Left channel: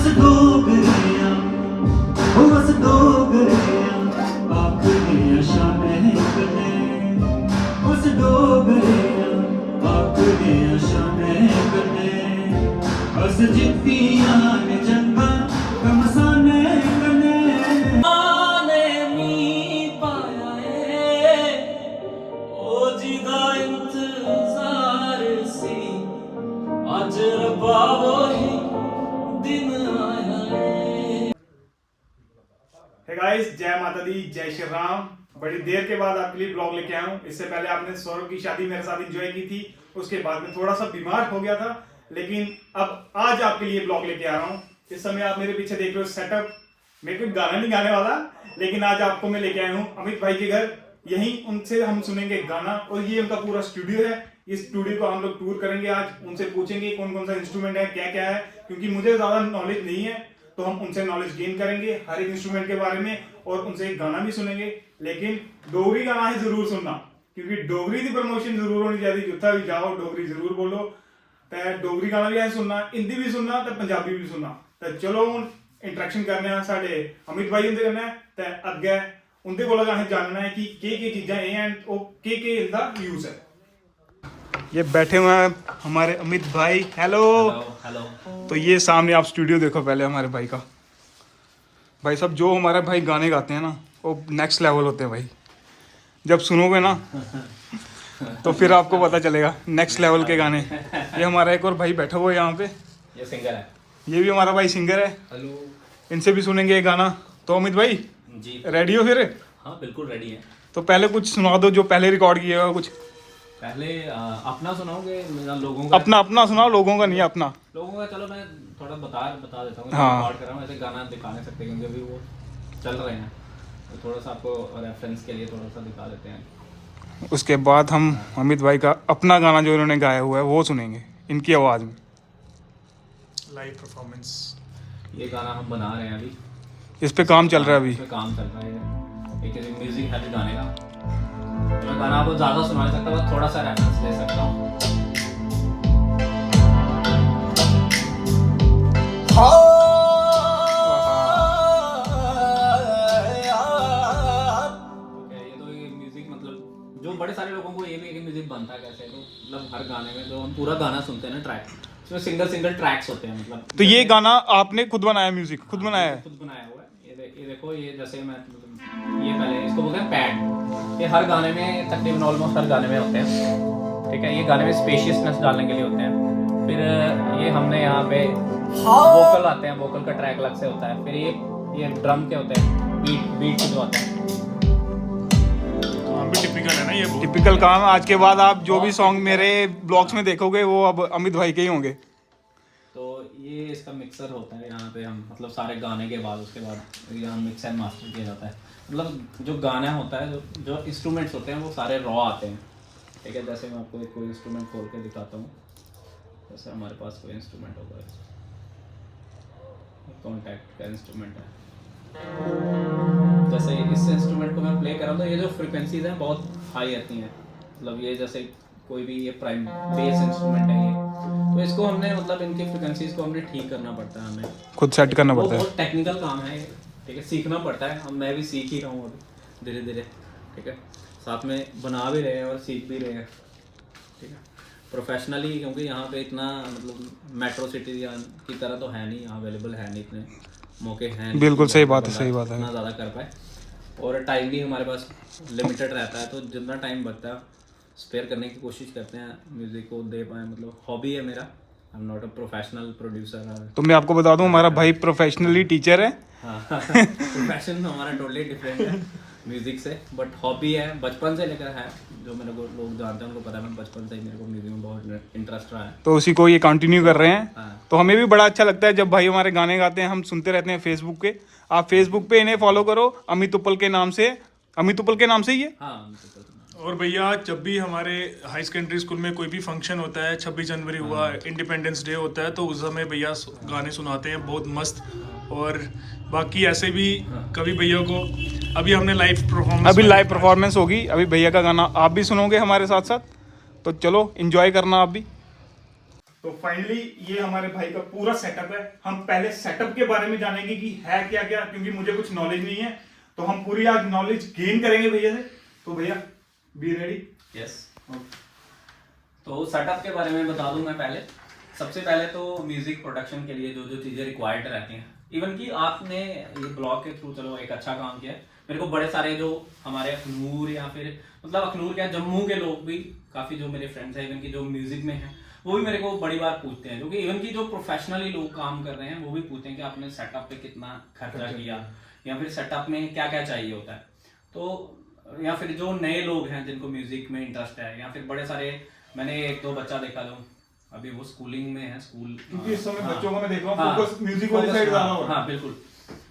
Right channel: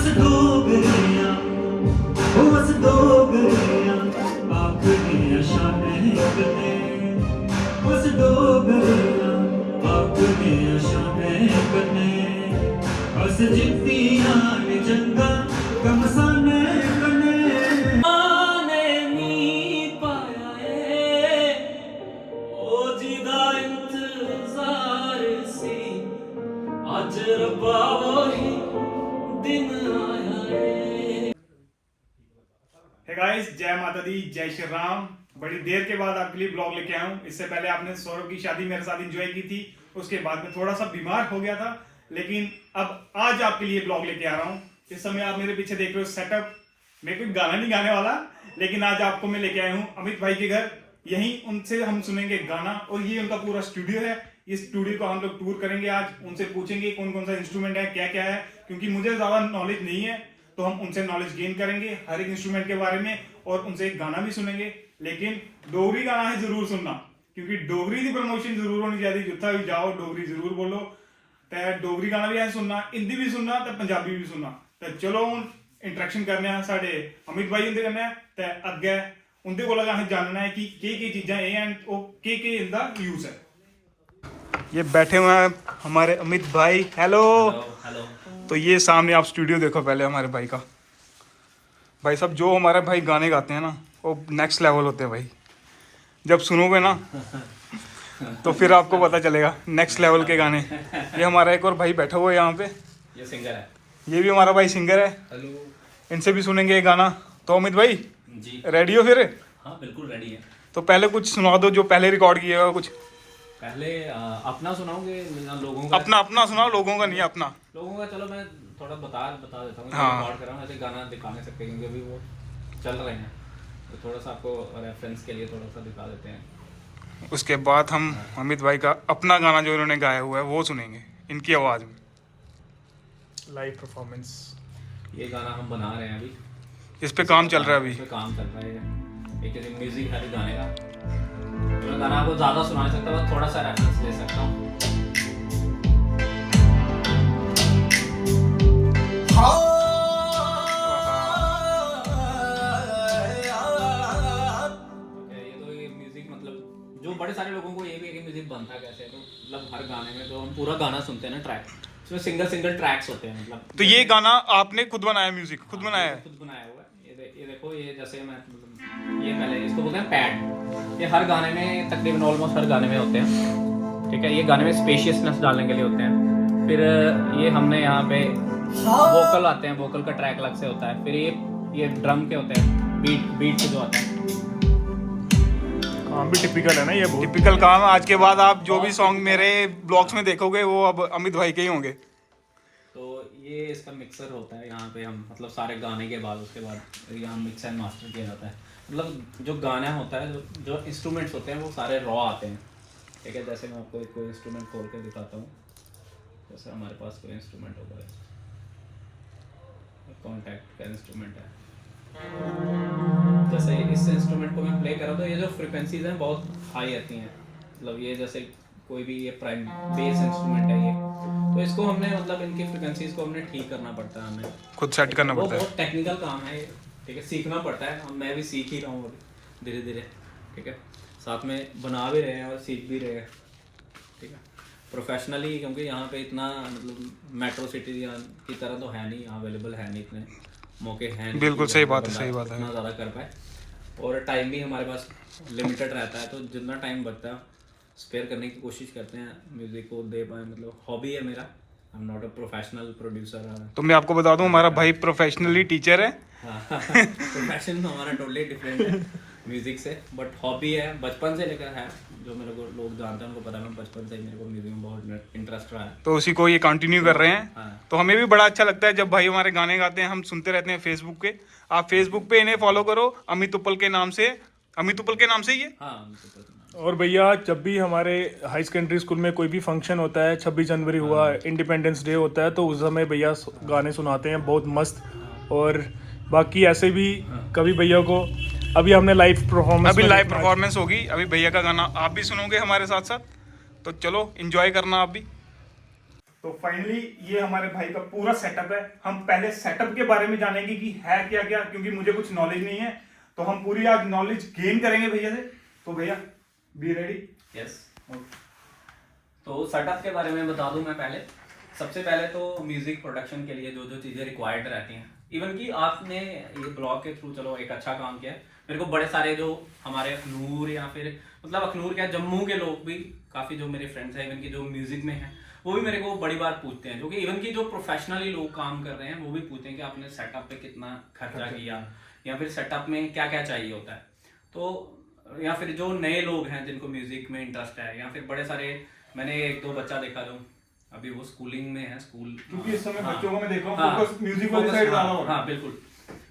बस डोगरियां ओ बस डोगरियां आखदियां शामें कन्ने बस डोगरियां आखदियां शामें कन्ने बस जित्तियां ने जंगा गमसाने कन्ने आने मी पाया ए ओ जिदा इंतजार सी आज रब्बा वही दिन आया है। हे गाइस, जय माता दी, जय श्री राम। बड़ी देर के बाद आपके लिए ब्लॉग लेके आया हूँ। इससे पहले आपने सौरभ की शादी मेरे साथ एंजॉय की थी, उसके बाद में थोड़ा सा बीमार हो गया था, लेकिन अब आज आपके लिए ब्लॉग लेके आ रहा हूँ। इस समय आप मेरे पीछे देख रहे हो सेटअप। मैं कोई गाना नहीं गाने वाला, लेकिन आज आपको मैं लेके आया हूँ अमित भाई के घर। यहीं उनसे हम सुनेंगे गाना, और ये उनका पूरा स्टूडियो है। इस स्टूडियो को हम लोग टूर करेंगे आज। उनसे पूछेंगे कौन कौन सा इंस्ट्रूमेंट है, क्या क्या है, क्योंकि मुझे ज्यादा नॉलेज नहीं है, तो हम उनसे नॉलेज गेन करेंगे हर एक इंस्ट्रूमेंट के बारे में, और उनसे एक गाना भी सुनेंगे। लेकिन डोगरी गाना है जरूर सुनना, क्योंकि डोगरी की प्रमोशन जरूर होनी चाहिए। जितना भी जाओ डोगरी जरूर बोलो। तो डोगरी गाना भी है सुनना, हिंदी भी सुनना, तो पंजाबी भी सुनना। तो चलो हूँ इंटरेक्शन करने हैं साढ़े अमित भाई उनके कन्नै, ते अग्गे उनके कोला असें जानना है कि केह् चीज़ां एह् हैन, केह् इंदा यूज है। ये बैठे हुए हैं हमारे अमित भाई। Hello hello. तो ये सामने आप स्टूडियो देखो पहले हमारे भाई का। भाई साहब, जो हमारे भाई गाने गाते हैं ना, वो नेक्स्ट लेवल होते हैं भाई। जब सुनोगे ना तो फिर आपको पता चलेगा नेक्स्ट लेवल के गाने। ये हमारा एक और भाई बैठा हुआ है यहाँ पे, ये सिंगर है। ये भी हमारा भाई सिंगर है। हेलो। इनसे भी सुनेंगे ये गाना। तो अमित भाई जी रेडी हो फिर? हाँ बिल्कुल रेडी है। तो पहले कुछ सुना दो जो पहले रिकॉर्ड किया हुआ कुछ। पहले अपना सुनाओगे मेरा लोगों का? अपना सुनाओ, लोगों का नहीं, अपना। लोगों का चलो मैं थोड़ा बता देता हूँ। हाँ। रिकॉर्ड कर रहा हूँ, ऐसे गाना दिखा नहीं सकते क्योंकि अभी वो चल रहे हैं, तो थोड़ा सा आपको रेफरेंस के लिए थोड़ा सा दिखा देते हैं। उसके बाद हम अमित भाई का अपना गाना जो इन्होंने गाया हुआ है वो सुनेंगे इनकी आवाज़ में, लाइव परफॉर्मेंस। ये गाना हम बना रहे हैं अभी, इस पे काम चल रहा है अभी। इसमें काम चल रहा है। एक म्यूजिक है गाने का। मैं गाना आपको ज़्यादा सुना नहीं सकता, बस थोड़ा सा रेफरेंस ले सकता हूँ। जो बड़े सारे लोगों को ये भी है कि म्यूजिक बनता है कैसे, तो मतलब हर गाने में जो हम पूरा गाना सुनते हैं ना ट्रैक, इसमें सिंगल ट्रैक्स होते हैं। मतलब तो ये गाना आपने खुद बनाया, म्यूजिक खुद बनाया है? खुद बनाया हुआ है। ये देखो, ये जैसे मैं ये पहले इसको बोलते हैं पैड। ये हर गाने में तकरीबन ऑलमोस्ट हर गाने में होते हैं, ठीक है। ये गाने में स्पेशियसनेस डालने के लिए होते हैं। फिर ये हमने यहाँ पे वोकल आते हैं, वोकल का ट्रैक अलग से होता है। फिर ये ड्रम के होते हैं, बीट के जो आते हैं। टिपिकल है ना, ये टिपिकल काम है। आज के बाद आप जो भी सॉन्ग मेरे ब्लॉग्स में देखोगे वो अब अमित भाई के ही होंगे। तो ये इसका मिक्सर होता है यहाँ पे। हम मतलब सारे गाने के बाद उसके बाद यहाँ मिक्स एंड मास्टर किया जाता है। मतलब जो गाना होता है, जो इंस्ट्रूमेंट्स होते हैं वो सारे रॉ आते हैं, ठीक है। जैसे मैं आपको कोई इंस्ट्रूमेंट खोल के दिखाता हूँ। जैसे हमारे पास कोई इंस्ट्रूमेंट होगा, कॉन्टैक्ट का इंस्ट्रूमेंट है। जैसे इस इंस्ट्रूमेंट को मैं प्ले कर रहा हूँ तो ये जो फ्रिक्वेंसीज हैं बहुत हाई आती हैं। मतलब ये जैसे कोई भी ये प्राइम बेस इंस्ट्रूमेंट है ये, तो इसको हमने मतलब इनकी फ्रिक्वेंसीज को हमने ठीक करना पड़ता है, हमें खुद सेट करना पड़ता है। बहुत टेक्निकल काम है, ठीक है। सीखना पड़ता है। अब मैं भी सीख ही रहा हूँ अभी धीरे धीरे, ठीक है। साथ में बना भी रहे हैं और सीख भी रहे हैं, ठीक है, प्रोफेशनली। क्योंकि यहाँ पे इतना मतलब मेट्रो सिटी की तरह तो है नहीं, यहाँ अवेलेबल है नहीं, इतने मौके हैं। बिल्कुल सही बात है, सही बात है। इतना ज़्यादा कर पाए, और टाइम भी हमारे पास लिमिटेड रहता है, तो जितना टाइम बचता है स्पेयर करने की कोशिश करते हैं म्यूज़िक को दे पाए। मतलब हॉबी है मेरा, I am not a professional producer. तो मैं आपको बता दूं, हमारा भाई प्रोफेशनली टीचर है। हाँ प्रोफेशन हमारा टोटली डिफरेंट है म्यूज़िक से, बट हॉबी है, बचपन से लेकर है। जो मेरे को लोग जानते हैं उनको पता है, मैं बचपन से ही मेरे को म्यूज़िक में बहुत इंटरेस्ट रहा है, तो उसी को ये कंटिन्यू कर रहे हैं। हाँ। तो हमें भी बड़ा अच्छा लगता है जब भाई हमारे गाने गाते हैं, हम सुनते रहते हैं फेसबुक पे। आप फेसबुक पे इन्हें फॉलो करो, अमित उपल के नाम से। अमित उपल के नाम से ही है। हाँ। और भैया जब भी हमारे हाई सेकेंडरी स्कूल में कोई भी फंक्शन होता है, 26 जनवरी हुआ, इंडिपेंडेंस डे होता है, तो उस समय भैया गाने सुनाते हैं बहुत मस्त। और बाकी ऐसे भी कभी भैया को अभी हमने लाइव परफॉर्मेंस होगी। अभी भैया का गाना आप भी सुनोगे हमारे साथ साथ, तो चलो एंजॉय करना आप भी। तो फाइनली ये हमारे भाई का पूरा सेटअप है। हम पहले सेटअप के बारे में जानेंगे कि है क्या क्या, क्योंकि मुझे कुछ नॉलेज नहीं है, तो हम पूरी आज नॉलेज गेन करेंगे भैया से। तो भैया बी रेडी? यस। तो सेटअप के बारे में बता दूं मैं पहले। सबसे पहले तो म्यूजिक प्रोडक्शन के लिए जो जो चीज़ें रिक्वायर्ड रहती हैं, इवन कि आपने ये ब्लॉग के थ्रू चलो एक अच्छा काम किया है। मेरे को बड़े सारे जो हमारे अखनूर या फिर मतलब अखनूर क्या जम्मू के लोग भी काफ़ी जो मेरे फ्रेंड्स हैं इवन कि जो म्यूजिक में हैं वो भी मेरे को बड़ी बार पूछते हैं, जो कि इवन कि जो प्रोफेशनली लोग काम कर रहे हैं वो भी पूछते हैं कि आपने सेटअप पे कितना खर्चा किया या फिर सेटअप में क्या क्या चाहिए होता है। तो या फिर जो नए लोग हैं जिनको म्यूजिक में इंटरेस्ट है, या फिर बड़े सारे मैंने एक दो बच्चा देखा जो अभी वो स्कूलिंग में है, स्कूल क्योंकि इस समय बच्चों को मैं देख रहा हूँ हाँ, फोकस म्यूजिक वाली साइड ज्यादा हो रहा है। हाँ बिल्कुल।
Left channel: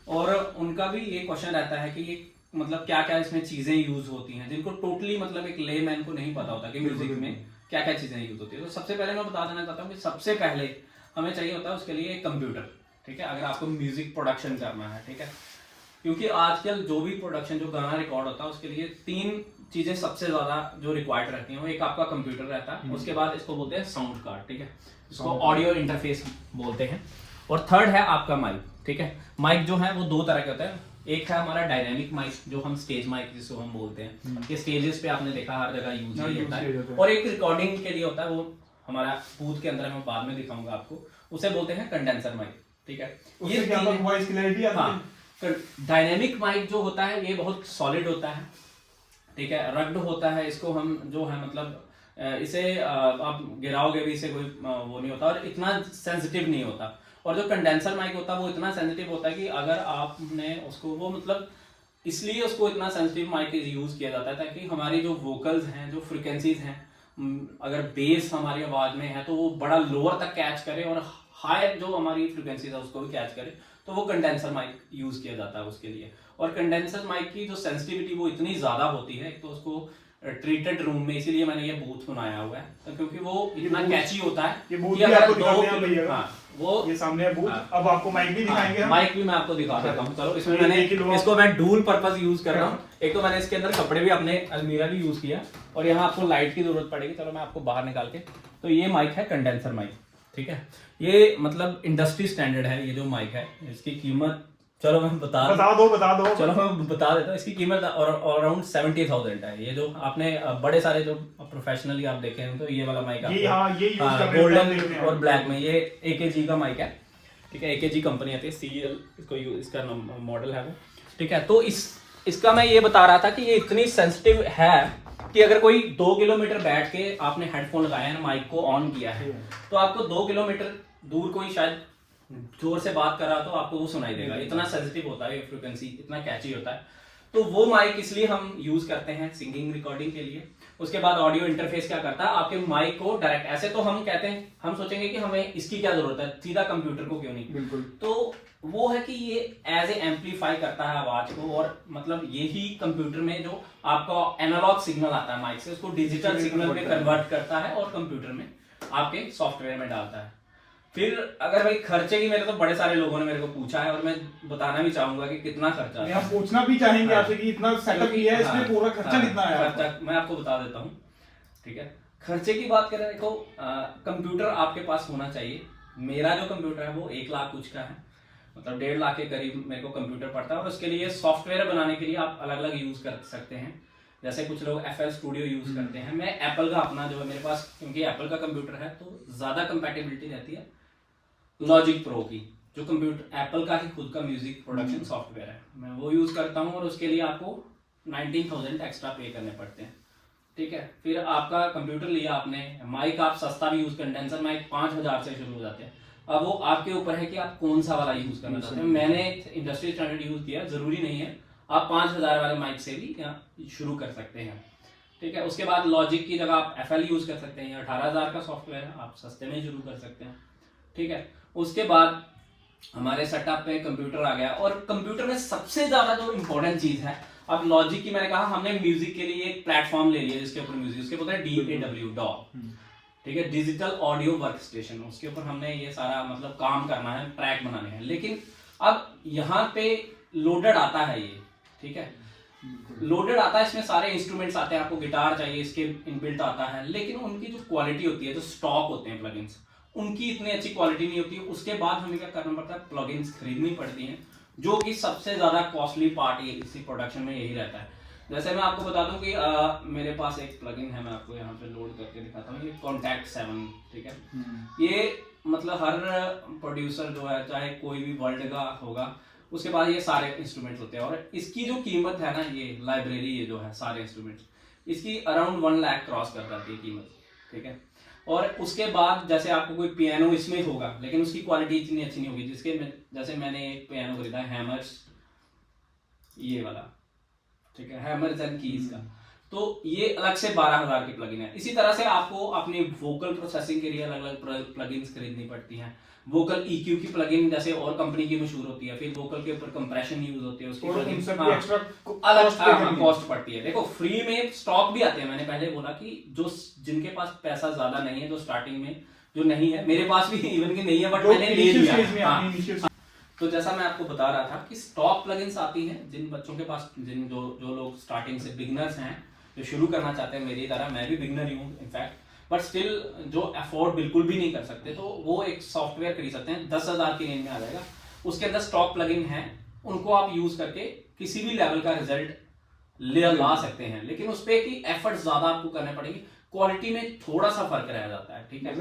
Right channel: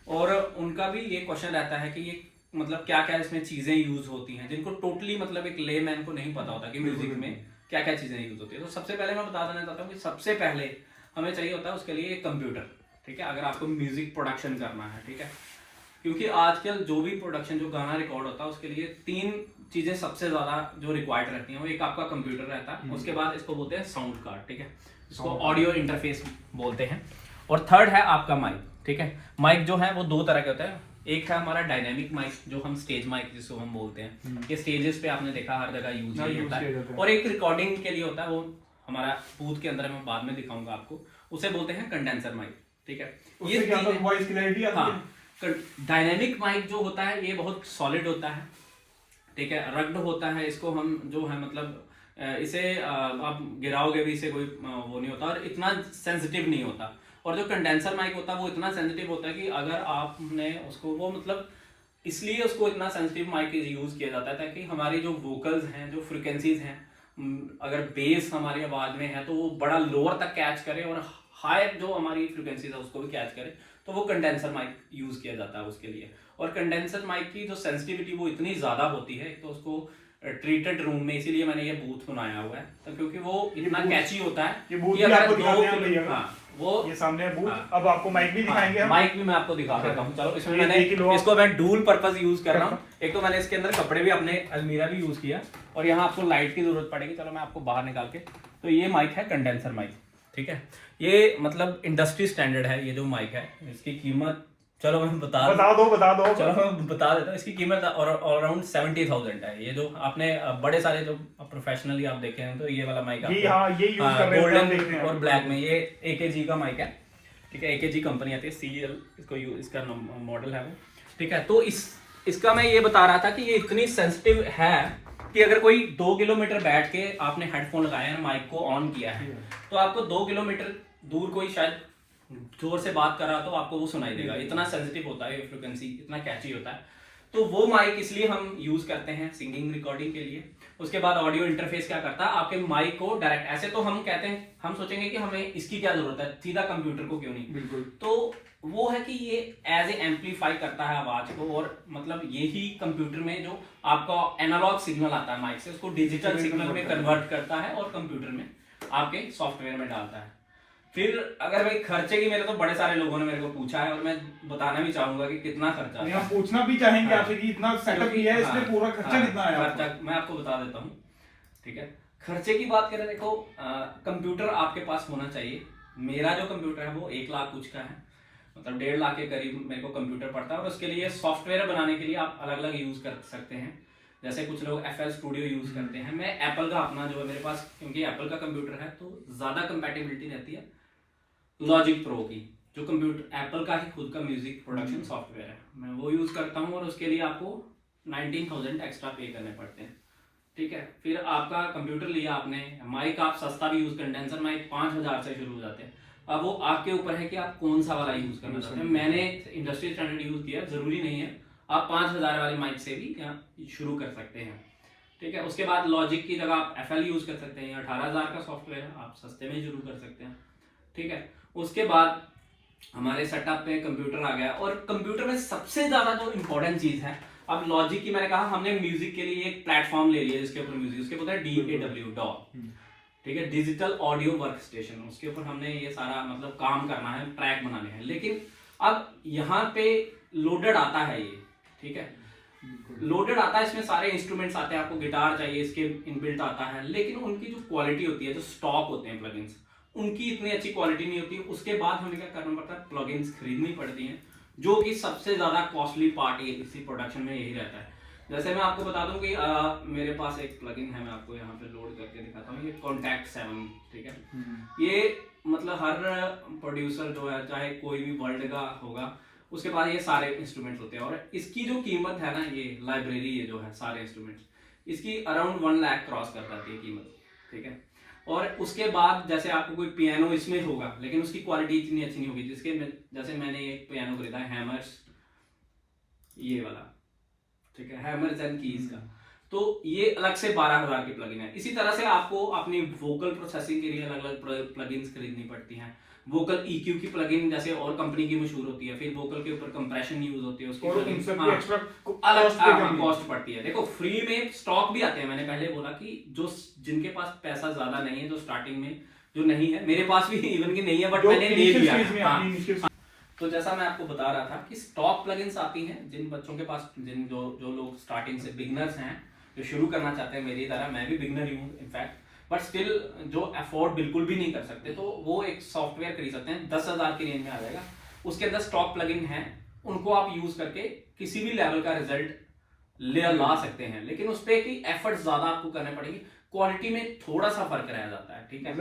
और उनका भी ये क्वेश्चन रहता है कि ये मतलब क्या क्या इसमें चीजें यूज होती हैं, जिनको टोटली मतलब एक लेमैन को नहीं पता होता कि म्यूजिक में क्या क्या चीजें यूज होती है। तो सबसे पहले मैं बता देना चाहता हूँ कि सबसे पहले हमें चाहिए होता है उसके लिए एक कंप्यूटर, ठीक है, अगर आपको म्यूजिक प्रोडक्शन करना है, ठीक है। क्योंकि आजकल जो भी प्रोडक्शन जो गाना रिकॉर्ड होता है उसके लिए 3 चीजें सबसे ज्यादा जो रिक्वायर्ड रहती हैं। वो एक आपका कंप्यूटर रहता है, उसके बाद इसको बोलते हैं साउंड कार्ड, ठीक है, इसको ऑडियो इंटरफेस बोलते हैं, और थर्ड है आपका माइक, ठीक है। माइक जो है वो 2 तरह के होते हैं। एक है हमारा डायनेमिक माइक जो हम स्टेज माइक जिसको हम बोलते हैं, ये स्टेजेस पे आपने देखा हर जगह यूज होता है, और एक रिकॉर्डिंग के लिए होता है, वो हमारा बूथ के अंदर है, मैं बाद में दिखाऊंगा आपको, उसे बोलते हैं कंडेंसर माइक, ठीक है। ये क्या वॉइस क्लैरिटी आती है। हाँ, डायनेमिक माइक जो होता है ये बहुत सॉलिड होता है, ठीक है, रग्ड होता है, इसको हम जो है मतलब इसे आप गिराओगे भी इसे कोई वो नहीं होता, और इतना सेंसिटिव नहीं होता। और जो कंडेंसर माइक होता है वो इतना सेंसिटिव होता है कि अगर आपने उसको वो मतलब इसलिए उसको इतना सेंसिटिव माइक यूज किया जाता है ताकि हमारी जो वोकल्स हैं, जो फ्रिक्वेंसीज हैं, अगर बेस हमारी आवाज में है तो वो बड़ा लोअर तक कैच करे, और हायर जो हमारी फ्रिक्वेंसीज है उसको भी कैच करे, तो वो कंडेंसर माइक यूज किया जाता है उसके लिए। और कंडेंसर माइक की जो सेंसिटिविटी वो इतनी ज्यादा होती है, एक तो उसको ट्रीटेड रूम में, इसीलिए मैंने ये बूथ बनाया हुआ है, तो क्योंकि वो इतना कैची होता है ये बूथ कि भी अगर आपको दिखाते हैं भैया। हाँ, वो ये सामने है बूथ। हाँ, अब आपको माइक भी दिखाएंगे हम। माइक भी मैं आपको दिखा देता हूँ। चलो इसमें ये मैंने देख लो आप। इसको मैं डुअल पर्पस यूज कर रहा हूँ। एक तो मैंने इसके अंदर कपड़े भी अपने अलमीरा भी यूज किया, और यहाँ आपको लाइट की जरूरत पड़ेगी, चलो मैं आपको बाहर निकाल के। तो ये माइक है कंडेंसर माइक, ठीक है, ये मतलब इंडस्ट्री स्टैंडर्ड है ये जो माइक है। इसकी कीमत चलो मैं बता दो। चलो मैं बता देता हूँ। इसकी कीमत अराउंड 70,000 है। ये जो आपने बड़े सारे जो प्रोफेशनली आप देखे हैं, तो ये वाला माइक आपको गोल्डन और ब्लैक में, ये AKG का माइक है, ठीक है, AKG कंपनी आती है, CL इसको इसका मॉडल है वो, ठीक है। तो इसका मैं ये बता रहा था कि ये इतनी सेंसिटिव है कि अगर कोई 2 किलोमीटर बैठ के आपने हेडफोन लगाया है, माइक को ऑन किया है, तो आपको 2 किलोमीटर दूर कोई शायद जोर से बात कर रहा तो आपको वो सुनाई देगा। इतना सेंसिटिव होता है, फ्रिक्वेंसी इतना कैची होता है। तो वो माइक इसलिए हम यूज करते हैं सिंगिंग रिकॉर्डिंग के लिए। उसके बाद ऑडियो इंटरफेस क्या करता है, आपके माइक को डायरेक्ट, ऐसे तो हम कहते हैं, हम सोचेंगे कि हमें इसकी क्या जरूरत है, सीधा कंप्यूटर को क्यों नहीं। बिल्कुल। तो वो है कि ये एज ए एम्पलीफाई करता है आवाज को, और मतलब यही कंप्यूटर में जो आपका एनालॉग सिग्नल आता है माइक से, उसको डिजिटल सिग्नल में कन्वर्ट करता है और कंप्यूटर में आपके सॉफ्टवेयर में डालता है। फिर अगर भाई खर्चे की, मेरे तो बड़े सारे लोगों ने मेरे को पूछा है, और मैं बताना भी चाहूंगा कि कितना खर्चा है। हम पूछना भी चाहेंगे आपसे कि इतना सेटअप किया है, इसमें पूरा खर्चा कितना आया आपका? खर्चा मैं आपको बता देता हूँ, ठीक है। खर्चे की बात करें, देखो कंप्यूटर आपके पास होना चाहिए। मेरा जो कंप्यूटर है वो 1 लाख कुछ का है, मतलब 1.5 लाख के करीब मेरे को कंप्यूटर पड़ता है। और उसके लिए सॉफ्टवेयर बनाने के लिए आप अलग अलग यूज कर सकते हैं। जैसे कुछ लोग FL स्टूडियो यूज करते हैं, मैं एप्पल का अपना जो है मेरे पास, क्योंकि एप्पल का कंप्यूटर है तो ज्यादा कंपैटिबिलिटी रहती है लॉजिक प्रो की, जो कंप्यूटर एप्पल का ही खुद का म्यूजिक प्रोडक्शन सॉफ्टवेयर है, मैं वो यूज करता हूँ। और उसके लिए आपको 19,000 एक्स्ट्रा पे करने पड़ते हैं, ठीक है। फिर आपका कंप्यूटर लिया आपने, माइक आप सस्ता भी यूज, कंडेंसर माइक 5,000 से शुरू हो जाते हैं। अब वो आपके ऊपर है कि आप कौन सा वाला यूज करना चाहते हैं। मैंने इंडस्ट्री स्टैंडर्ड यूज किया, जरूरी नहीं है, आप 5,000 वाले माइक से भी शुरू कर सकते हैं, ठीक है। उसके बाद लॉजिक की जगह आप FL यूज कर सकते हैं, 18,000 का सॉफ्टवेयर है, आप सस्ते में शुरू कर सकते हैं, ठीक है। उसके बाद हमारे सेटअप पे कंप्यूटर आ गया, और कंप्यूटर में सबसे ज्यादा जो इंपॉर्टेंट चीज है, अब लॉजिक की मैंने कहा, हमने म्यूजिक के लिए एक प्लेटफॉर्म ले लिया जिसके ऊपर म्यूजिक, उसके बोलते हैं DAW, ठीक है, डिजिटल ऑडियो वर्क स्टेशन। उसके ऊपर हमने ये सारा मतलब काम करना है, ट्रैक बनाने हैं। लेकिन अब यहाँ पे लोडेड आता है ये, ठीक है, लोडेड आता है, इसमें सारे इंस्ट्रूमेंट्स आते हैं, आपको गिटार चाहिए इसके इनबिल्ट आता है, लेकिन उनकी जो क्वालिटी होती है, जो स्टॉक होते हैं प्लगइन्स, उनकी इतनी अच्छी क्वालिटी नहीं होती। उसके बाद हमें क्या करना पड़ता है, प्लगइन्स खरीदनी पड़ती हैं, जो कि सबसे ज़्यादा कॉस्टली पार्ट इसी प्रोडक्शन में यही रहता है। जैसे मैं आपको बता दूं कि मेरे पास एक प्लगइन है, मैं आपको यहाँ पे लोड करके दिखाता हूँ, ये कॉन्टैक्ट 7, ठीक है। ये मतलब हर प्रोड्यूसर जो है, चाहे कोई भी वर्ल्ड का होगा, उसके पास ये सारे इंस्ट्रूमेंट्स होते हैं। और इसकी जो कीमत है ना, ये लाइब्रेरी, ये जो है सारे इंस्ट्रूमेंट्स, इसकी अराउंड 1 लाख क्रॉस कर जाती है कीमत, ठीक है। और उसके बाद जैसे आपको कोई पियानो इसमें होगा, लेकिन उसकी क्वालिटी इतनी अच्छी नहीं होगी, जैसे मैंने एक पियानो खरीदा है हैमर्स, ये वाला, ठीक है, हैमर्स एंड कीज का, तो ये अलग से 12,000 की प्लगइन है। इसी तरह से आपको अपनी वोकल प्रोसेसिंग के लिए अलग अलग प्लगइन्स खरीदनी पड़ती हैं। वोकल EQ की प्लगइन जैसे और कंपनी की मशहूर होती है, फिर वोकल के ऊपर कंप्रेशन यूज होती है, उसकी अलग कॉस्ट पड़ती है। देखो फ्री में स्टॉक भी आते हैं, मैंने पहले बोला कि जो जिनके पास पैसा ज्यादा नहीं है, जो स्टार्टिंग में जो नहीं है, मेरे पास भी इवन की नहीं है, बट मैंने ले लिया। तो जैसा मैं आपको बता रहा था कि स्टॉक प्लगइन्स आती हैं जिन बच्चों के पास, जो लोग स्टार्टिंग से बिगनर्स हैं, जो शुरू करना चाहते हैं मेरी तरह, मैं भी बिगनर ही हूँ इनफैक्ट, बट स्टिल जो अफोर्ड बिल्कुल भी नहीं कर सकते, तो वो एक सॉफ्टवेयर खरीद सकते हैं, 10,000 की रेंज में आ जाएगा। उसके अंदर स्टॉक प्लगइन है, उनको आप यूज करके किसी भी लेवल का रिजल्ट ला सकते हैं, लेकिन उस पर की एफर्ट ज्यादा आपको करने पड़ेंगे, क्वालिटी में थोड़ा सा फर्क रह जाता है, ठीक है।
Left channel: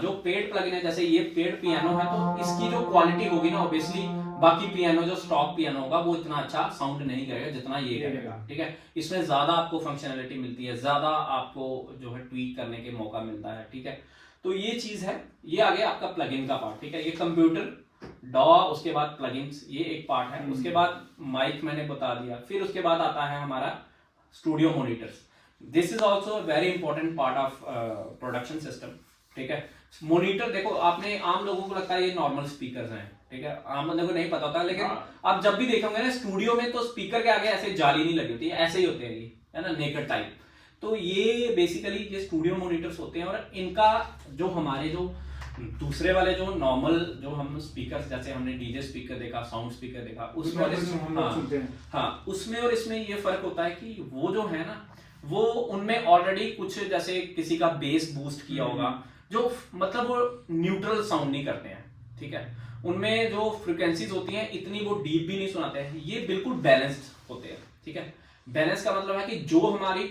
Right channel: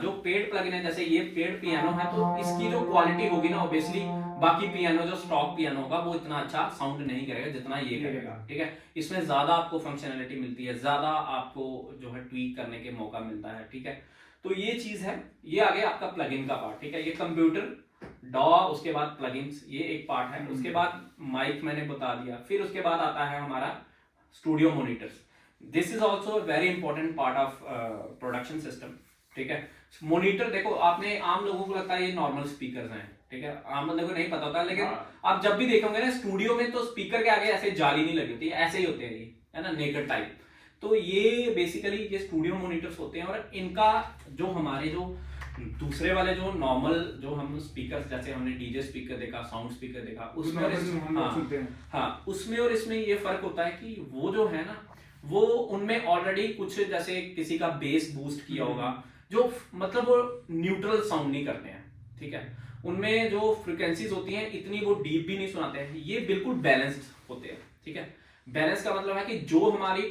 जो पेड प्लगइन है, जैसे ये पेड पियानो है, तो इसकी जो क्वालिटी होगी ना, ऑब्वियसली बाकी पियानो जो स्टॉक पियानो होगा वो इतना अच्छा साउंड नहीं करेगा जितना ये करेगा, ठीक है। इसमें ज्यादा आपको फंक्शनैलिटी मिलती है, ज्यादा आपको जो है ट्वीक करने के मौका मिलता है, ठीक है। तो ये चीज है, ये आ गया आपका प्लगइन का पार्ट, ठीक है। ये कंप्यूटर डॉ, उसके बाद प्लगइन्स, ये एक पार्ट है। उसके बाद माइक मैंने बता दिया, फिर उसके बाद आता है हमारा studio monitors. This is also a very important part of production system, ठीक है। मॉनिटर देखो, आपने आम लोगों को लगता है ये नॉर्मल स्पीकर्स हैं, ठीक है, आम बंदे को नहीं पता होता, लेकिन आप जब भी देखोगे ना स्टूडियो में, तो स्पीकर के आगे ऐसे जाली नहीं लगी होती, ऐसे ही होते हैं, ये है ना, नेकेड टाइप। तो ये बेसिकली ये स्टूडियो मॉनिटर्स होते हैं, और इनका जो हमारे जो दूसरे वाले जो नॉर्मल जो हम स्पीकर, जैसे हमने डीजे स्पीकर देखा, साउंड स्पीकर देखा, उसमें उसमें और इसमें ये फर्क होता है कि वो जो है ना, वो उनमें ऑलरेडी कुछ, जैसे किसी का बेस बूस्ट किया होगा, जो मतलब वो न्यूट्रल साउंड नहीं करते हैं, ठीक है। उनमें जो फ्रिक्वेंसीज होती हैं इतनी वो डीप भी नहीं सुनाते हैं, ये बिल्कुल बैलेंस्ड होते हैं, ठीक है। बैलेंस का मतलब है कि जो हमारी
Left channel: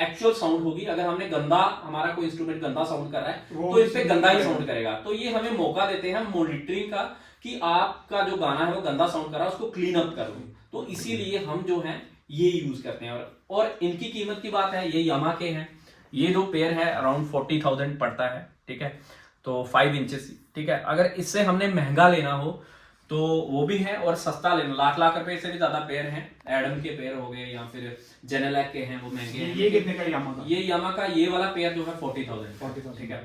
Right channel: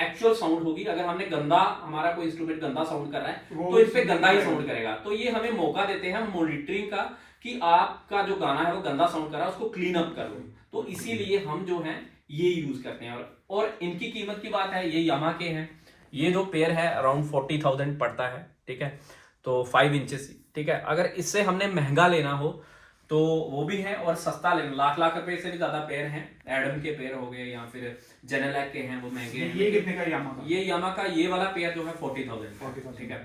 एक्चुअल साउंड होगी, अगर हमने गंदा, हमारा कोई इंस्ट्रूमेंट गंदा साउंड कर रहा है, तो इस पे गंदा ही साउंड करेगा। तो ये हमें मौका देते हैं मॉनिटरिंग का, कि आपका जो गाना है वो गंदा साउंड कर रहा है, उसको क्लीन अप कर लो। तो इसीलिए हम जो है ये यूज करते हैं। और इनकी कीमत की बात है, ये यामा के हैं, ये जो पेयर है अराउंड 40,000 पड़ता है, ठीक है। तो 5 इंचेस, ठीक है। अगर इससे हमने महंगा लेना हो तो वो भी है, और सस्ता लेना, लाख रुपए से भी ज्यादा पेयर हैं। एडम के पेयर हो गए, या फिर जेनेलैक के हैं, वो महंगे हैं। ये कितने का यामा का? ये यामा का ये वाला पेयर जो है 40,000, ठीक है।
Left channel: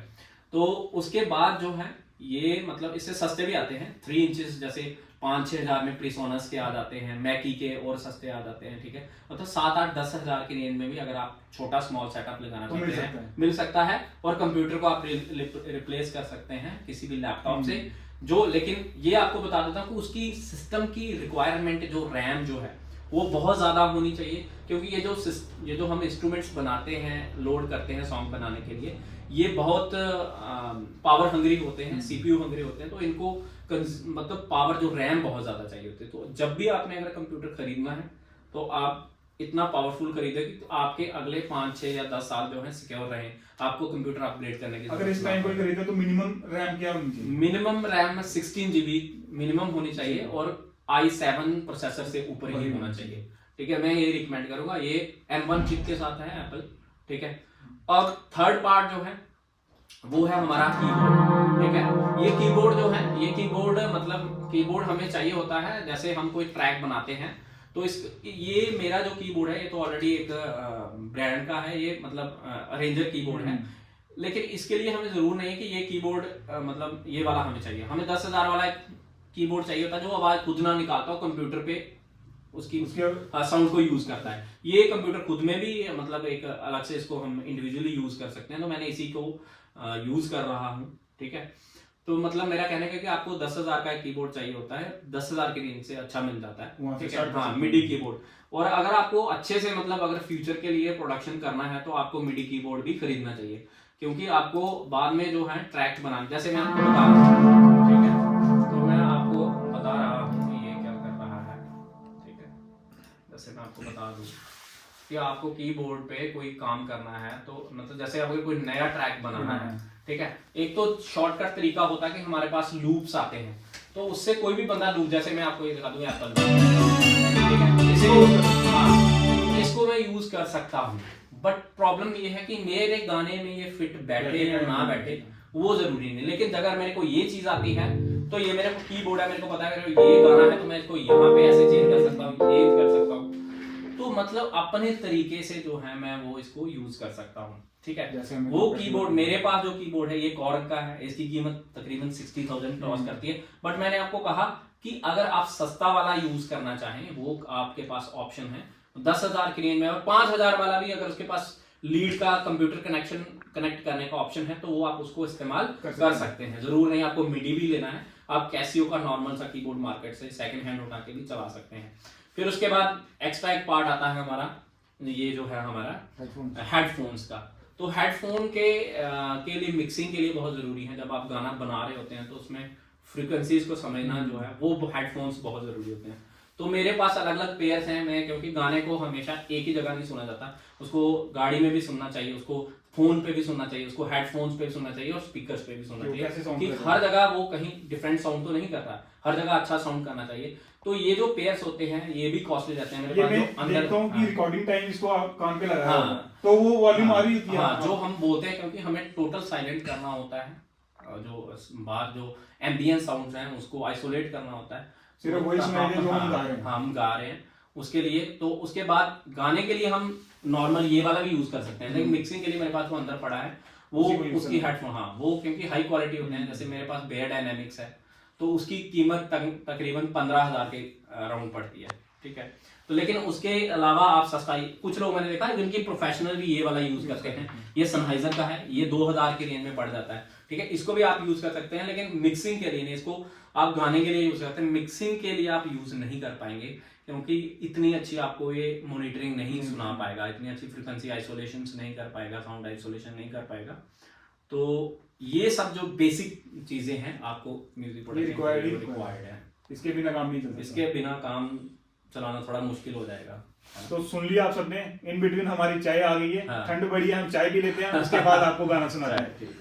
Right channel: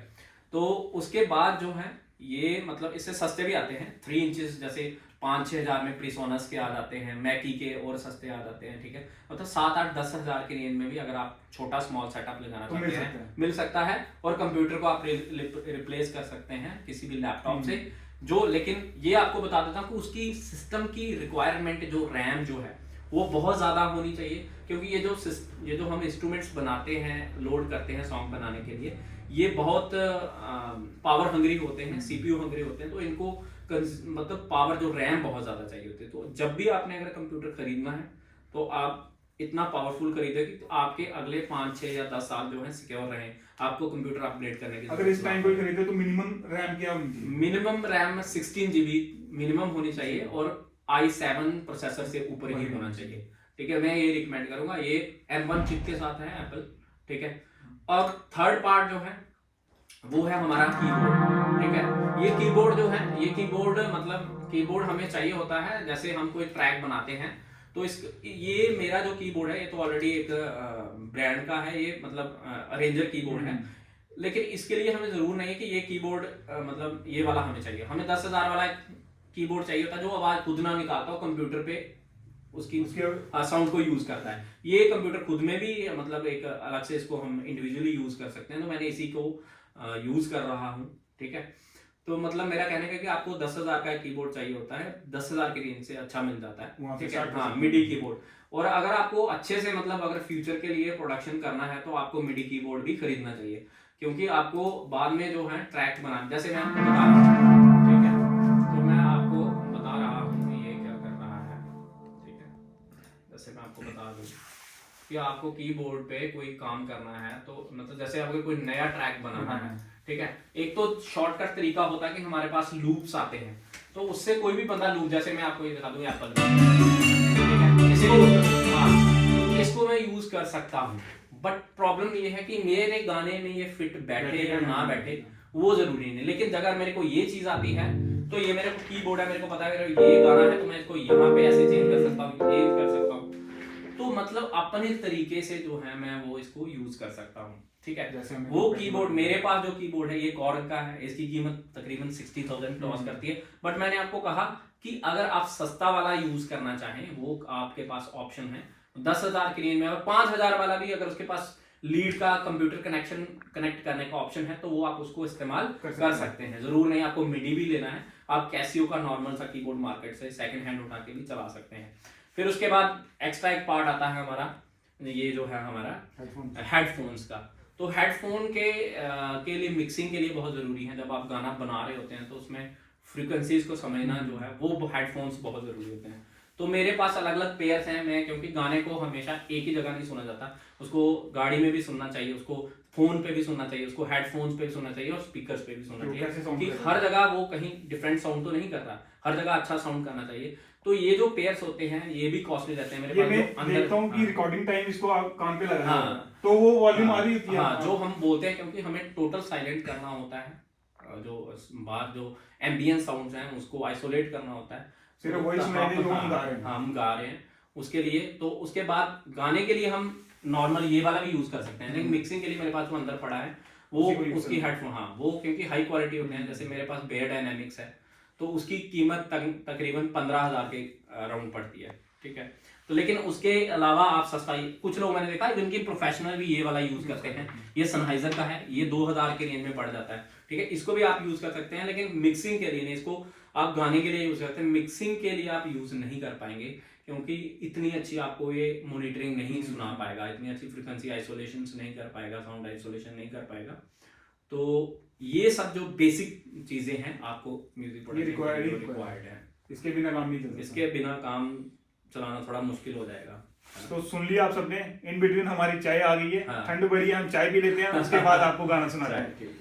तो उसके बाद जो है ये मतलब इससे सस्ते भी आते हैं, 3 इंचेस, जैसे 5-6 हजार में प्रीसोनस के आ जाते हैं, मैकी के और सस्ते आ जाते हैं, ठीक है। मतलब 7-8-10 हजार की रेंज में भी अगर आप छोटा स्मॉल सेटअप लगाना चाहते हैं, मिल सकता है। और कंप्यूटर को आप रिप्लेस कर सकते हैं किसी भी लैपटॉप से, जो, लेकिन ये आपको बता देता हूँ कि उसकी सिस्टम की रिक्वायरमेंट, जो रैम जो है वो बहुत ज्यादा होनी चाहिए, क्योंकि ये जो हम इंस्ट्रूमेंट्स बनाते हैं, लोड करते हैं सॉन्ग बनाने के लिए, ये बहुत पावर हंग्री होते हैं, CPU हंग्री होते हैं, तो इनको मतलब पावर, जो रैम बहुत ज्यादा चाहिए होती है। तो जब भी आपने अगर कंप्यूटर खरीदना है, तो आप इतना पावरफुल खरीदे कि आपके अगले 5-6 या 10 साल जो है सिक्योर रहे, आपको कंप्यूटर अपग्रेड करने की। अगर इस टाइम कोई खरीदे तो मिनिमम रैम क्या होनी चाहिए? मिनिमम रैम 16 GB मिनिमम होनी चाहिए, और i7 प्रोसेसर से ऊपर ही होना चाहिए, ठीक है। मैं ये रिकमेंड करूंगा। ये M1 चिप के साथ है एप्पल, ठीक है। और थर्ड पार्ट जो है वो है हमारा कीबोर्ड, ठीक है। ये कीबोर्ड जो है, ये कीबोर्ड मतलब कीबोर्ड हमें चाहिए होता है, जैसे हम कोई ट्रैक बनाते हैं, तो ये मेरा जो कीबोर्ड है, ये तो ऑलरेडी एक ब्रांड का है, ये मतलब अरेंजर कीबोर्ड है, लेकिन इसके लिए हमें जरूर नहीं है कि ये कीबोर्ड मतलब ये वाला हमें चाहिए। हमें 10,000 वाला कीबोर्ड चाहिए होता है, जो आवाज खुद ना निकालता हो, कंप्यूटर पे उसकी साउंड को यूज करता है। ये कंप्यूटर खुद में भी मतलब एक अलग से इसको हम इंडिविजुअली यूज कर सकते हैं, तो मैंने इसी को यूज कर रहा हूँ, ठीक है। तो मतलब मेरा कहने का कि आपको 10,000 का कीबोर्ड चाहिए होता है, 10,000 की रेंज से अच्छा मिल जाता है, ठीक है। हाँ, मिडी कीबोर्ड। और अगर आपको अच्छे से मतलब अगर फ्यूचर के लिए प्रोडक्शन करना है, तो आपको मिडी कीबोर्ड भी खरीदना चाहिए, क्योंकि आपको बाद में जो है ट्रैक बनाना, जैसे मैं आपको बता रहा हूँ, ठीक है, तो मैं आपको बता रहा हूँ ये क्या कर रहा है, ठीक है, जैसे मैं आपको बता दूँ कि आपको कीबोर्ड पे कोई काम करना है, तो मतलब जैसे आपको कोई नया ट्रैक बनाना है, ठीक है, एक तो शॉर्टकट तरीका होता है कि हमारे पास लूप्स आते हैं, तो उससे कोई भी बंदा लूप, जैसे मैं आपको ये दिखा दूं एप्पल, ठीक है, इसको मैं यूज कर सकता हूँ, बट प्रॉब्लम ये है कि मेरे गाने में ये फिट बैठे या ना बैठे वो जरूरी नहीं, लेकिन अगर मेरे को ये चीज आती है तो ये मेरे को कीबोर्ड है, मेरे को पता है अगर ये गाना है तो मैं इसको यहाँ पे ऐसे चेंज कर सकता हूँ, चेंज कर सकता हूँ, तो मतलब अपने तरीके से जो है मैं वो इसको यूज कर सकता हूँ, ठीक है। वो कीबोर्ड, मेरे पास जो कीबोर्ड है ये कॉर्ग का है, इसकी कीमत तकरीबन 60,000 क्रॉस करती है, बट मैंने आपको कहा कि अगर आप सस्ता वाला यूज करना चाहें वो आपके पास ऑप्शन है 10,000 की रेंज में, और 5,000 वाला भी अगर उसके पास लीड का कंप्यूटर कनेक्शन कनेक्ट करने का ऑप्शन है तो वो आप उसको इस्तेमाल कर सकते हैं। जरूर नहीं आपको मिडी भी लेना है, आप कैसियो का नॉर्मल सा कीबोर्ड मार्केट से सेकंड हैंड उठा के भी चला सकते हैं। फिर उसके बाद एक्स्ट्रा एक पार्ट आता है हमारा, ये जो है हमारा हेडफोन्स का, तो हेडफोन के लिए मिक्सिंग के लिए बहुत जरूरी है, जब आप गाना बना रहे होते हैं तो उसमें फ्रीक्वेंसीज को समझना जो है वो हेडफोन्स बहुत जरूरी होते हैं। तो मेरे पास अलग अलग पेयर्स हैं, मैं क्योंकि गाने को हमेशा एक ही जगह नहीं सुना जाता, उसको गाड़ी में भी सुनना चाहिए, उसको फोन पे भी सुनना चाहिए, उसको हेडफोन्स पे भी सुनना चाहिए और स्पीकर्स पे भी सुनना चाहिए, कि हर जगह वो कहीं डिफरेंट साउंड तो नहीं करता, हर जगह अच्छा साउंड करना चाहिए। तो ये जो पेयर्स होते हैं ये भी कॉस्टली रहते हैं। मेरे पास जो अंदर देखता हूं कि रिकॉर्डिंग टाइम इसको आप कान पे लगाया तो वो वॉल्यूम आ रही होती है। जो हम बोलते हैं, क्योंकि हमें टोटल साइलेंट करना होता है, जो बाहर जो एम्बियंट साउंड्स हैं उसको आइसोलेट करना होता है, सिर्फ वही सुनाई दे जो हम गा रहे हैं। हम गा रहे हैं उसके लिए। तो उसके बाद गाने के लिए हम नॉर्मल ये वाला भी यूज कर सकते हैं, लेकिन मिक्सिंग के लिए मेरे पास जो अंदर पड़ा है वो उसकी हेडफोन, हाँ वो क्योंकि हाई क्वालिटी होते हैं, जैसे मेरे पास बेयर डायनेमिक्स है तो उसकी कीमत तकरीबन 15,000 के अराउंड पड़ती है, ठीक है। तो लेकिन उसके अलावा आप सस्ता, कुछ लोग मैंने देखा जिनकी प्रोफेशनल भी ये वाला यूज करते हैं, ये सनहाइजर का है, ये 2,000 के रेंज में पड़ जाता है, ठीक है, इसको भी आप यूज कर सकते हैं, लेकिन मिक्सिंग के लिए नहीं, इसको आप गाने के लिए यूज करते हैं, मिक्सिंग के लिए आप यूज नहीं कर पाएंगे, क्योंकि इतनी अच्छी आपको ये मॉनिटरिंग नहीं सुना पाएगा, इतनी अच्छी फ्रीक्वेंसी आइसोलेशन नहीं कर पाएगा, साउंड आइसोलेशन नहीं कर पाएगा। तो ये सब जो बेसिक चीजें हैं आपको म्यूजिक प्रोडक्शन के लिए रिक्वायर्ड है, इसके बिना काम नहीं चलता, इसके बिना काम चलाना थोड़ा मुश्किल हो जाएगा। तो सुन लिया आप सबने, इन बिटवीन हमारी चाय आ गई है, हाँ। ठंड बढ़ी है, हम चाय भी लेते हैं, उसके बाद आपको गाना सुना रहे हैं।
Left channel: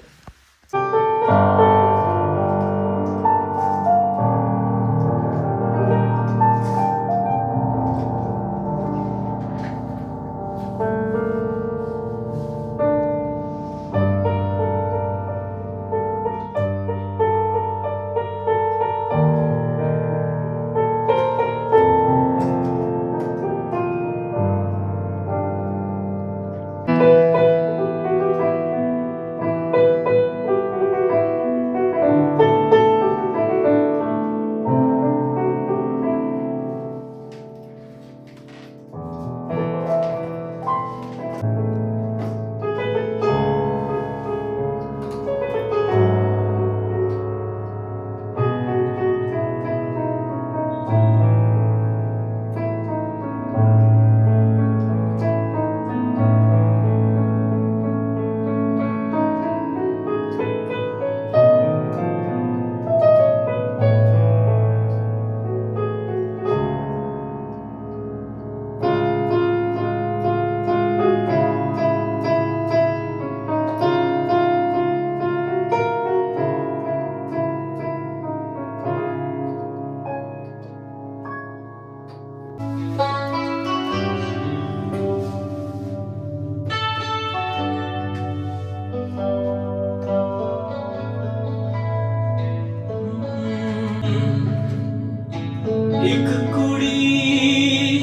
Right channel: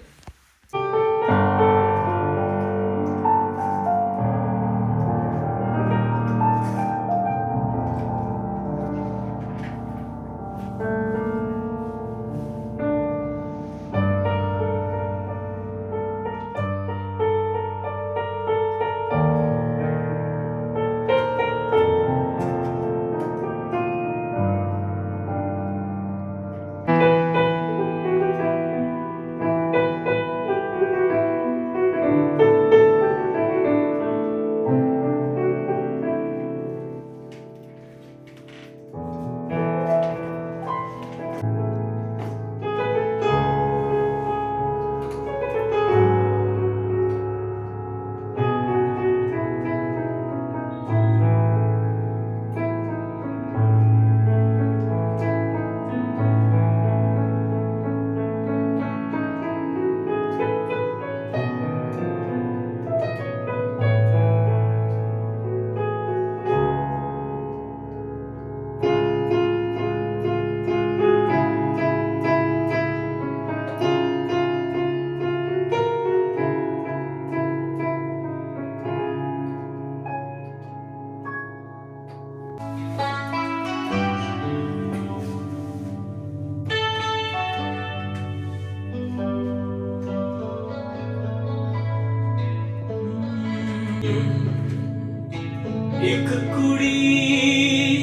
एक कुड़ी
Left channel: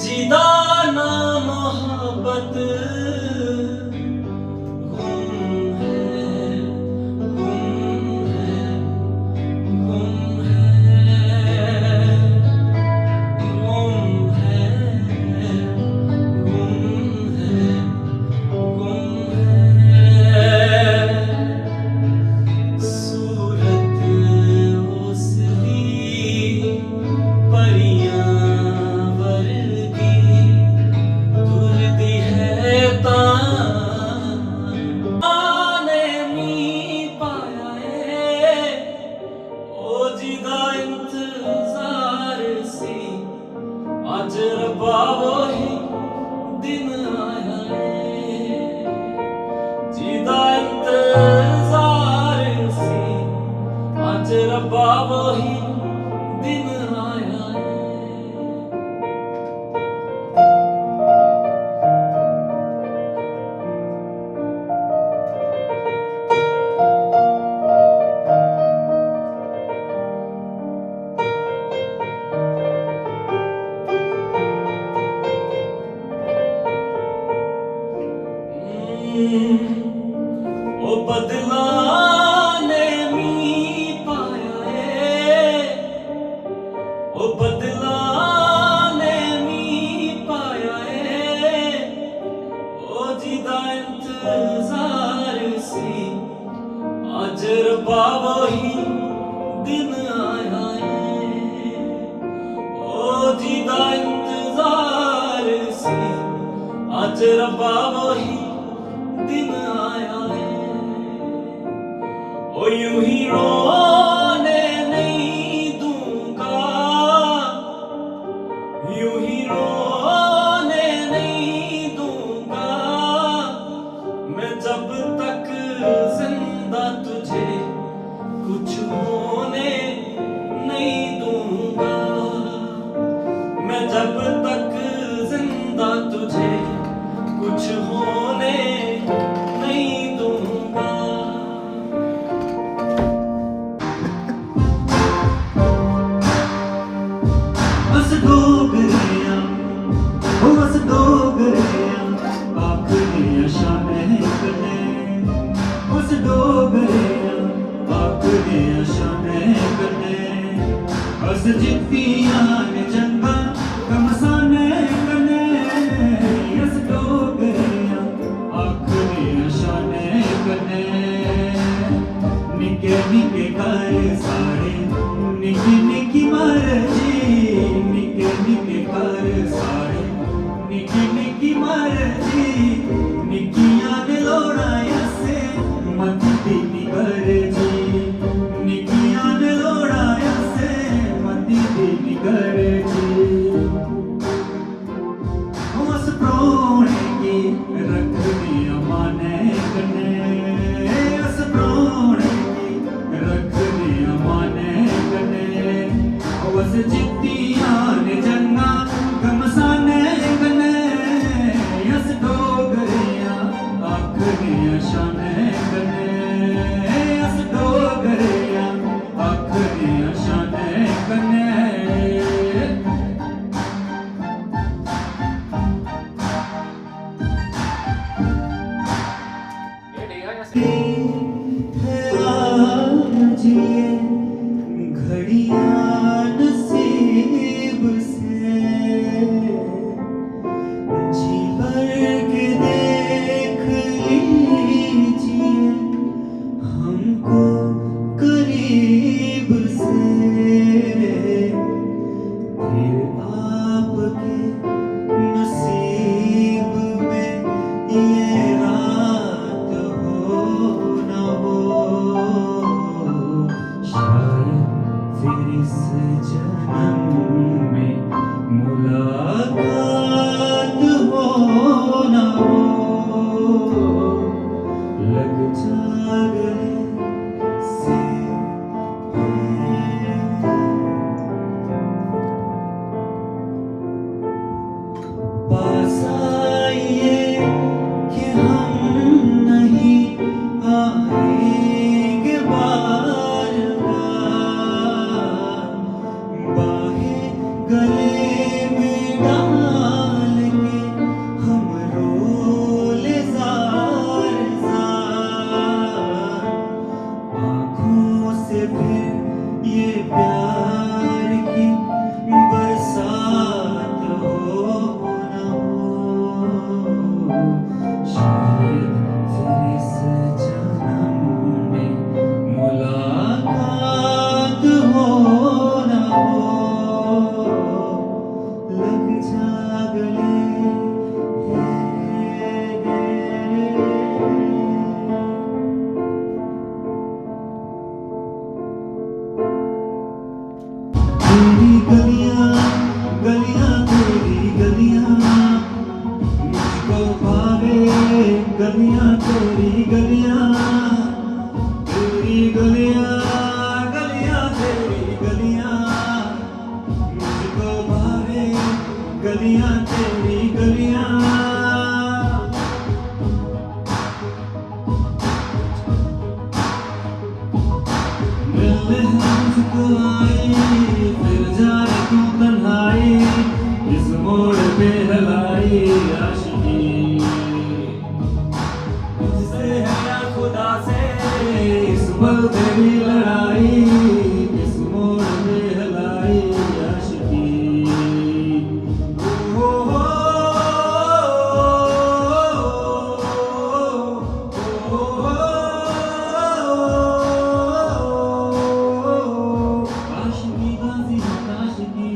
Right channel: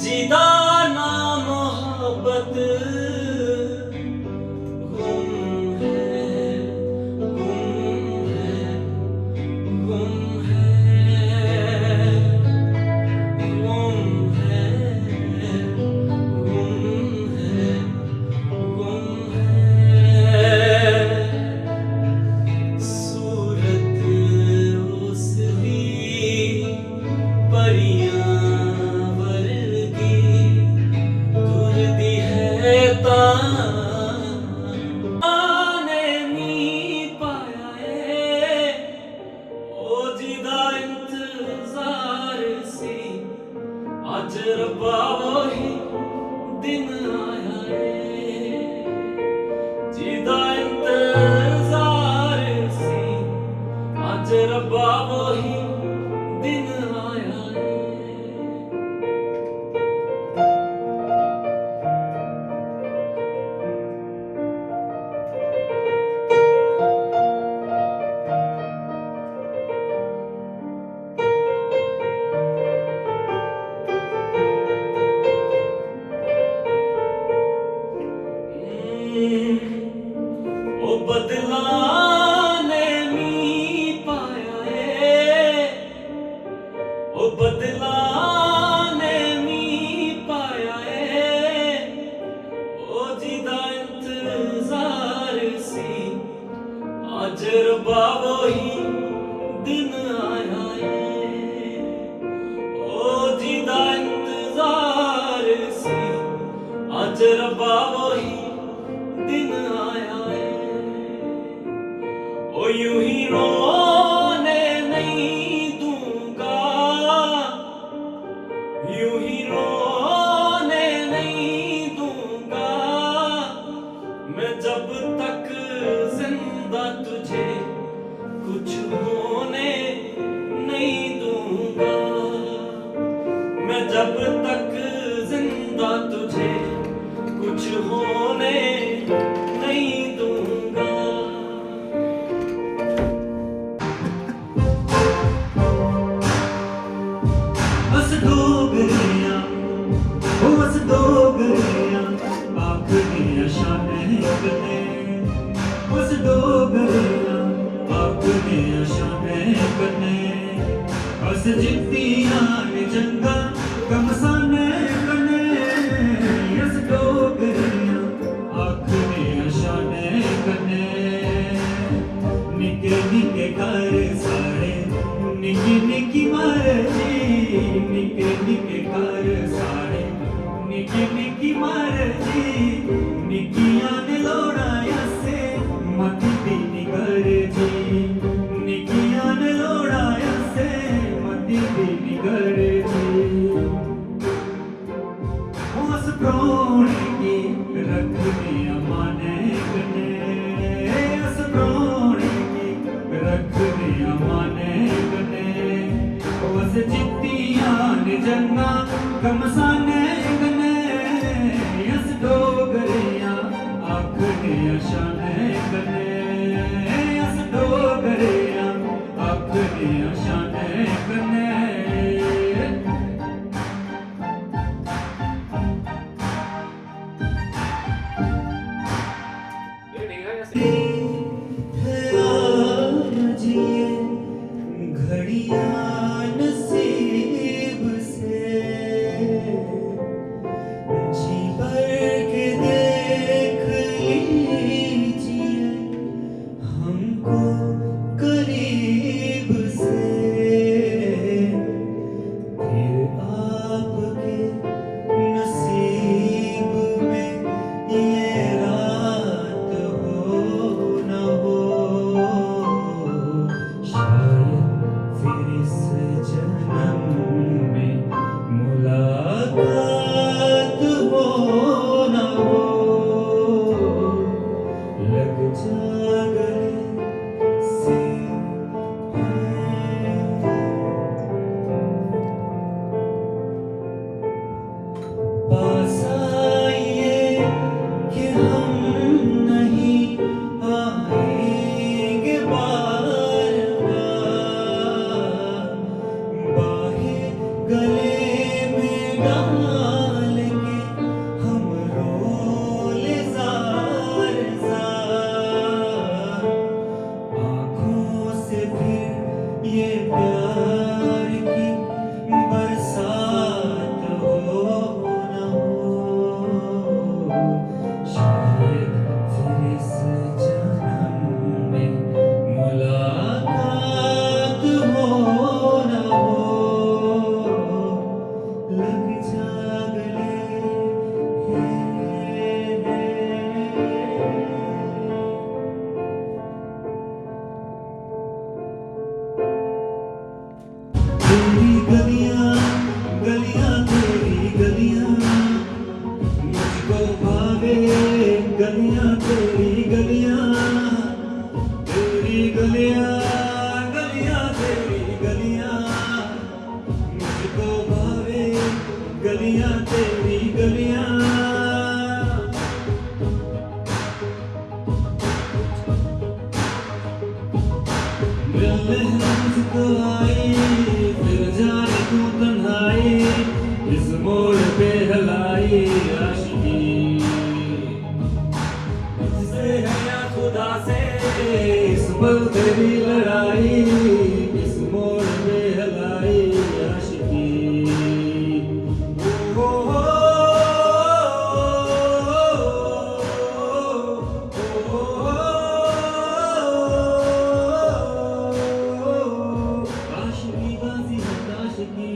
जिदा ना मोहब्बत गुम है, गुम है, गुम है, गुम है, गुम है, सूरत उसकी पर जिदा इंतजार सी आज रब्बा वही दिन आया है जिदा इंतजार सी आज रब्बा वही दिन आया है ओ बदला ने मी पाया है ओ बदला ने मी पाया है ओ जिदा इंतजार सी आज रब्बा वही दिन आया है ओ जिदा इंतजार सी आज रब्बा वही दिन आया है ओ यूं ही रोने नहीं दूंगा यूं ही रोने नहीं दूंगा मैं जब तक जिंदा तुझे कुछ होने नहीं दूंगा मैं जब तक जिंदा तुझे कुछ होने नहीं दूंगा बस डोगरिया ओ बस डोगरिया आखिरी शाने कने बस डोगरिया आखिरी शाने कने बस जित्तियां ने जंगा कमसाने कने बस डोगरिया आखिरी शाने कने निके निके घर सारे निकी निकी मर्जी निके निके घर सारे निकी निकी मर्जी निकियां ने लोड़ाया से मती दीनी गरजी निकियां ने लोड़ाया से मती दीनी गरजी उस प्रोणे की रख दिया माने कने उस प्रोणे की रख दिया माने कने उस जित्तियां ने जंगा गमसाने कने उस डोगरिया आखिरी शाने कने उस डोगरिया आखिरी शाने कने ये देगा कैसे आज ये घड़ियां नसीब से जी भर के देख लीजिए हमको करीब से फिर आपके नसीब में ये रात हो न हो शायद फिर इस जन्म में मुलाकात हो न हो लग जा गले से पास आइए कि हम नहीं आएंगे बार बार बाहें गले में डाल मुझको आई, फिर जाए तू तन्हाई, इस मोड़ पे हलाई आशिकी। तुझसे है या खुदा से इस पल तेरी लड़ाई, इस मोड़ पे हलाई आशिकी। ओ हो आशिकी बाजी आशिकी,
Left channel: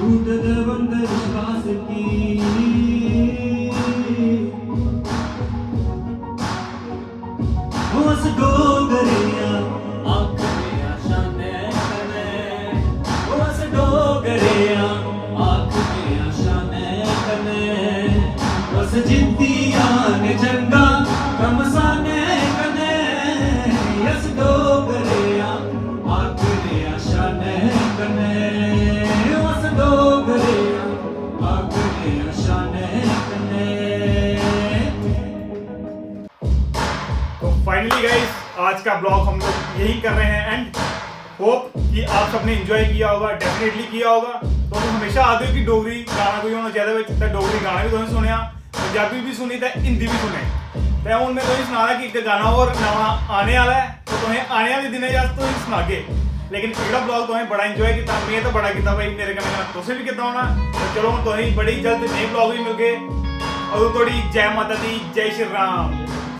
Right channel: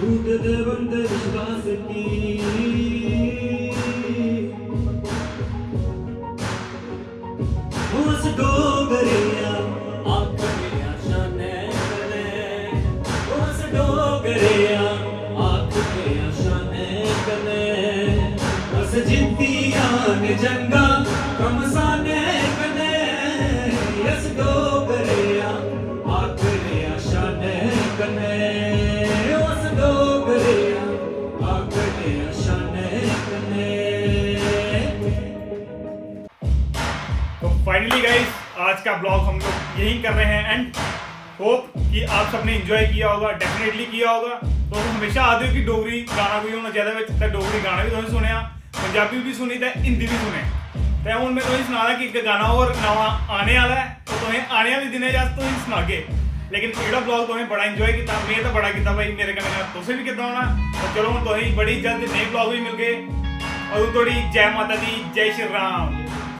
टूट दे बंद विश्वास की। उस डोगरिया आखियां शाने कने, उस डोगरिया आखियां शाने कने, उस जिद्दियां ने जंगा कमसाने कने, उस डोगरिया आखियां शाने कने, उस डोगरिया आखियां शाने कने। तो फाइनली गाइस आज का ब्लॉग हम लोग यही कर रहे हैं एंड होप कि आप सबने इंजॉय किया होगा, डेफिनेटली किया होगा। तो हमेशा आदे हो कि डोगरी गाना कोई होना चाहिए बिच, तो डोगरी गाना भी तुसें सुनिया, पंजाबी भी सुनी ते हिंदी भी सुने। तो हुण मैं तुसें सना कि एक गाना और नवा आने वाला है, तो तुसें आने वाले दिनें च तुसें सनागे। लेकिन एह्ड़ा ब्लॉग तुसें बड़ा इंजॉय किया, मैं तो बड़ा किया भाई, मेरे कन्नै कन्नै तुसें भी कितना होना। तो चलो हुण तुसें बड़ी जल्द नए ब्लॉग भी मिलगे। अदूं तोड़ी जय माता दी, जय श्री राम।